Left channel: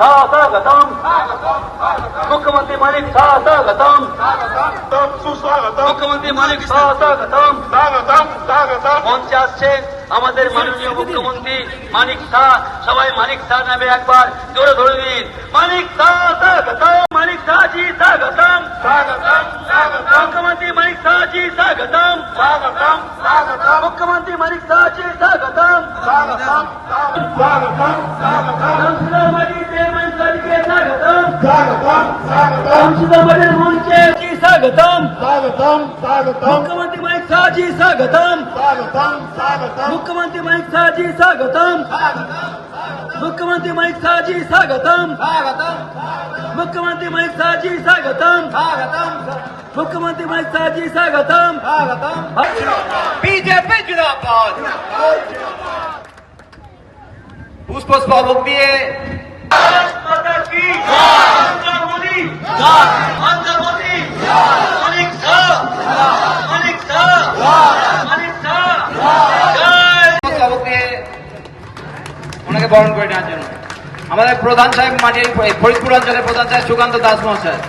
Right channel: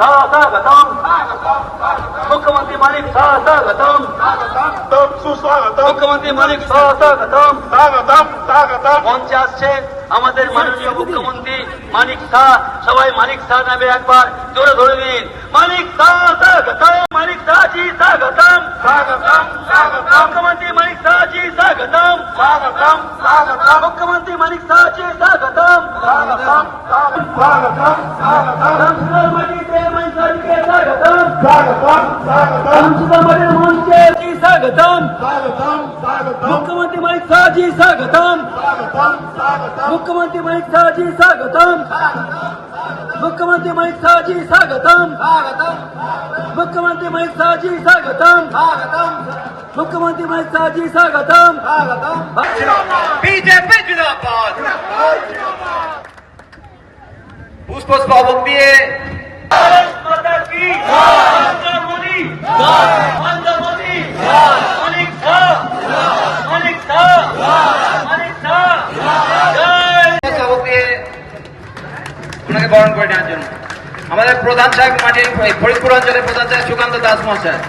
स्वागतम मुख्यमंत्री मालिक स्वागतम मुख्यमंत्री मालिक स्वागतम মঞ্চে আসছে আমাদের মাননীয় মুখ্যমন্ত্রী মানিক শাহ। সবাই মানিক শাহ নামে একবার জোরে ধরবেন। মানিক শাহ স্বাগতম, মানিক শাহ জি স্বাগতম, মুখ্যমন্ত্রী মানিক শাহ জি স্বাগতম, মুখ্যমন্ত্রী মানিক শাহ জি স্বাগতম, মঞ্চে স্বাগতম, মুখ্যমন্ত্রী মানিক শাহ জি স্বাগতম, मुख्यमंत्री मानिक शाह जी स्वागतम, मुख्यमंत्री मानिक शाह जी स्वागतम, मुख्यमंत्री मानिक शाह जी स्वागतम, मुख्यमंत्री मानिक शाह जी स्वागतम, बीजेपी जिंदाबाद। पुष्पस्तबक দিয়ে माता की नरेंद्र मोदी नरेंद्र मोदी मानिक शाह मानिक शाह मानिक शाह পুষ্পস্তবক দিয়ে ওনাকে বরণ করে নেওয়ার জন্য আমাদের প্রধান সাহেব মাটির ফরিদপুর অঞ্চলের প্রধান সাহেব সুকান্ত দাস মহাশয়।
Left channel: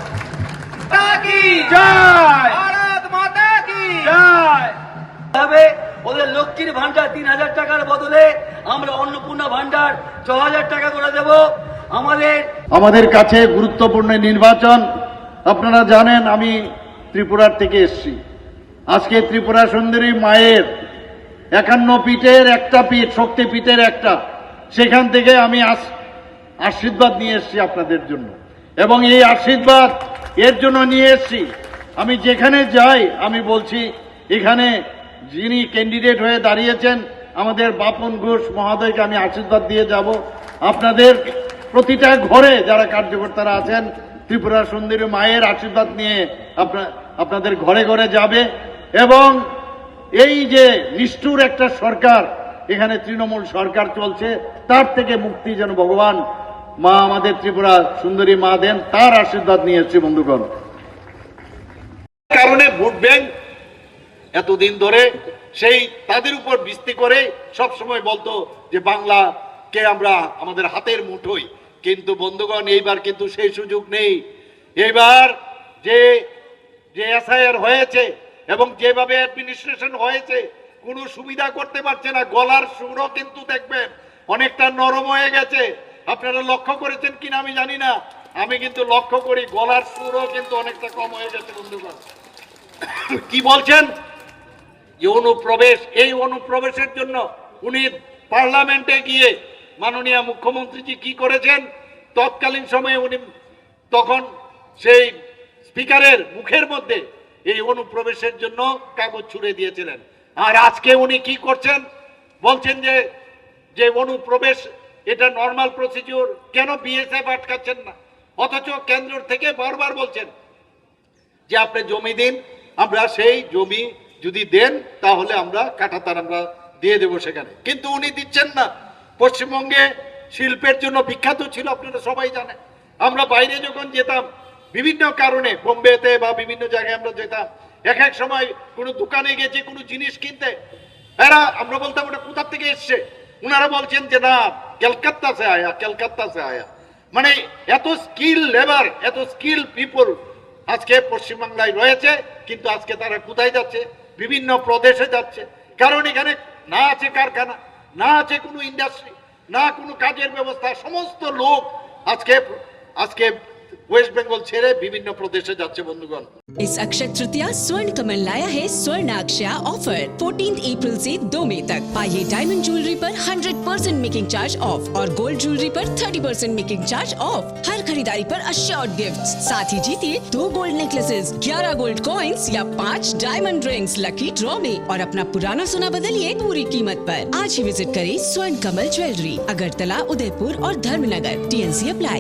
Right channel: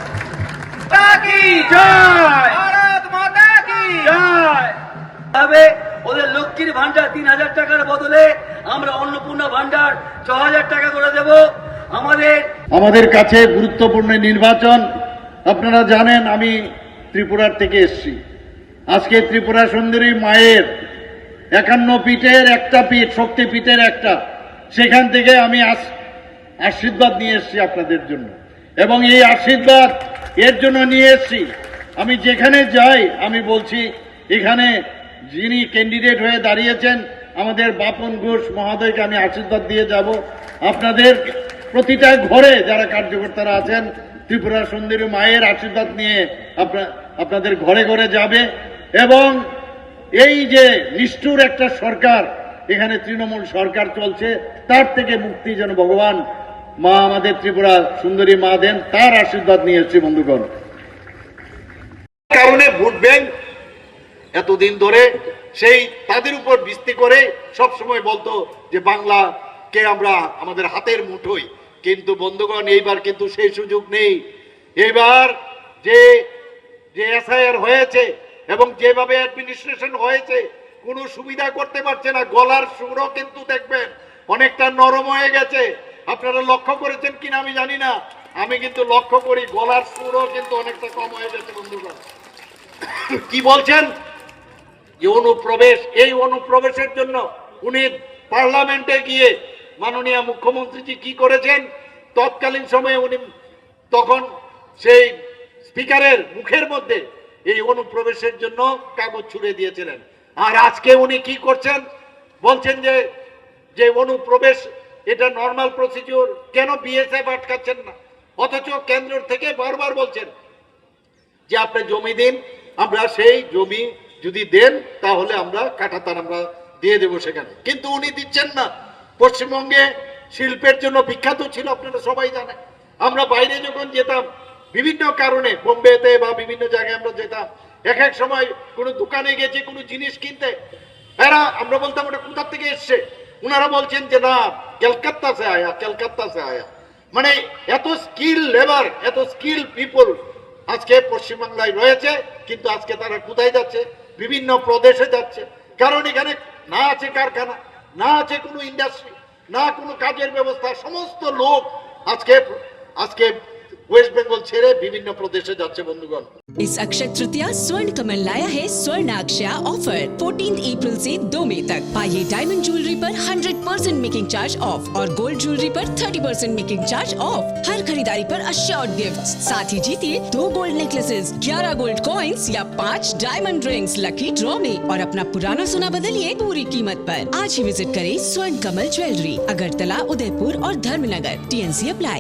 মাতা কি জয়, ভারত মাতা কি জয়। তবে ওদের লক্ষ্মীর ভান্ডার ৩,০০০ টাকার বদলে আমরা অন্নপূর্ণা ভান্ডার ৬,০০০ টাকা করে দেব। আমাদের কাছে গুরুত্বপূর্ণ নির্বাচন। আপনারা জানেন আমি ত্রিপুরার থেকে এসেছি। আজকে ত্রিপুরা সুন্দরী মায়ের ৫১ পীঠের একটা পীঠ, শক্তিপীঠের একটা, সেখান থেকে আমি আশীর্বাদ নিয়ে এসেছি আপনাদের জন্য, এবং এই আশীর্বাদ এর জন্য নিয়ে এসেছি। আমি যেখানে যাই আমি বলছি এখানে যিনি ক্যান্ডিডেট হয়ে দাঁড়িয়েছেন আমাদের বাপন ঘোষ মহোদয়কে আমি আশীর্বাদ দিয়ে যাব। আপনাদের প্রতিটা ঘরে যারা কার্যকর্তারা আছেন ত্রিপুরা সুন্দরী মায়ের আশীর্বাদ নিয়ে আপনাদের ঘরে ঘরে যাবে। এবং এই যে নিষ্ঠুর একটা সরকার, এখানে তৃণমূল সরকার চলছে, তার থেকে মুক্তি যেন ভগবান মা আমাদের ত্রিপুরা সুন্দরী মা দেন, তার আশীর্বাদ নিয়ে এসেছি বন্ধুগণ। কারণে ভোট ব্যাংক এতদিন ধরে সেই তাদের উপর ভিত্তি করে সব সময় বলতো যে বাংলাকে আমরা আমাদের হাতের মুঠোই। কিন্তু বন্ধুগণ, এইবার কিন্তু সেই সুযোগ নেই। এবার যে এসআইআর হয়েছে এবং যেভাবে অ্যাডমিনিস্ট্রেশন হয়েছে কোনো সুবিধা করতে পারছে না। গলার সুরও কিন্তু দেখবেন অনেকটা নরম হয়ে গেছে। আপনারা লক্ষ্য করেছেন কিনা আমি জানি না, আমি কিন্তু লক্ষ্য করি গলার সুরও কিন্তু অনেকটা কম হয়ে গেছে বন্ধুগণ। কি বলছেন? এই অনুপ্রবেশের জন্য উনি পার্লামেন্টে গিয়ে মাননীয় মুখ্যমন্ত্রীজি কি করেছেন, তৎকালীন সময়ে উনি তখন সেই স্পিকারের মুখের মধ্যে এই অনুপ্রবেশের জন্য কাগজ ছুড়ে দিয়েছিলেন। আর আজকে উনি কি করছেন, বলছেন যে অনুপ্রবেশ এটা নর্মাল প্রসিডিওর, কেন বিএসএফ আটকাচ্ছেন না? অথচ কেন্দ্র থেকে বারবার বলছেন যে আপনি জমি দিন, আমরা সেই জমি যদি দেন তাহলে আমরা কাঁটাতার আমরা দিয়ে দেবো সেখানে, কিন্তু উনি দিচ্ছেন না। পশ্চিমবঙ্গে শিল্পের জন্য বিখ্যাত ছিল, আপনারা সবাই জানেন। আমরা বাইরে যখন যেতাম বিভিন্ন কারণে, বোম্বেতে বা বিভিন্ন জায়গায় আমরা যেতাম, এক সময় কোনো দোকানে গেছি কোনো জিনিস কিনতে, আমরা বলতাম ওটা কোথা থেকে এসছে, ওনারা বলছেন যে না কলকাতা সে আয়া, কলকাতা সে আয়া। মানে এত স্কিল লেবার, এত স্কিল পিপল আজকে পশ্চিমবাংলায় রয়েছে, কিন্তু আজকে তারা কোথায় যাচ্ছে? বিভিন্ন প্রদেশে যাচ্ছে। কারণ এখানে না আছে কারখানা, না আছে কোনো ইন্ডাস্ট্রি, না কোনো কাজের ব্যবস্থা। সমস্ত লোক আজকে वेस्ट बंगाल छेड़े विभिन्न प्रदेशे जाच्छे बंधुगण। इस अक्षय तृतीया स्वर्ण कमल लाया है स्वर्णाक्षया ऑफर 14 अप्रैल से 2 मई तक। पाइए डायमंड ज्वेलरी पर 100% मेकिंग चार्ज ऑफ और गोल्ड ज्वेलरी पर 30% मेकिंग चार्ज ऑफ। हर खरीदारी पर अश्योर्ड गिफ्ट, साथ ही जीतिए 2 गोल्ड नेकलेसेस, 11 गोल्ड कॉइन्स या 5 डायमंड रिंग्स लकी ड्रॉ में, और अपना पुराना सोना बदलिए पूरी कीमत पर। आज ही विजिट करें स्वर्ण कमल ज्वेलरी, अगरतला, उदयपुर और धर्मनगर। TNC apply.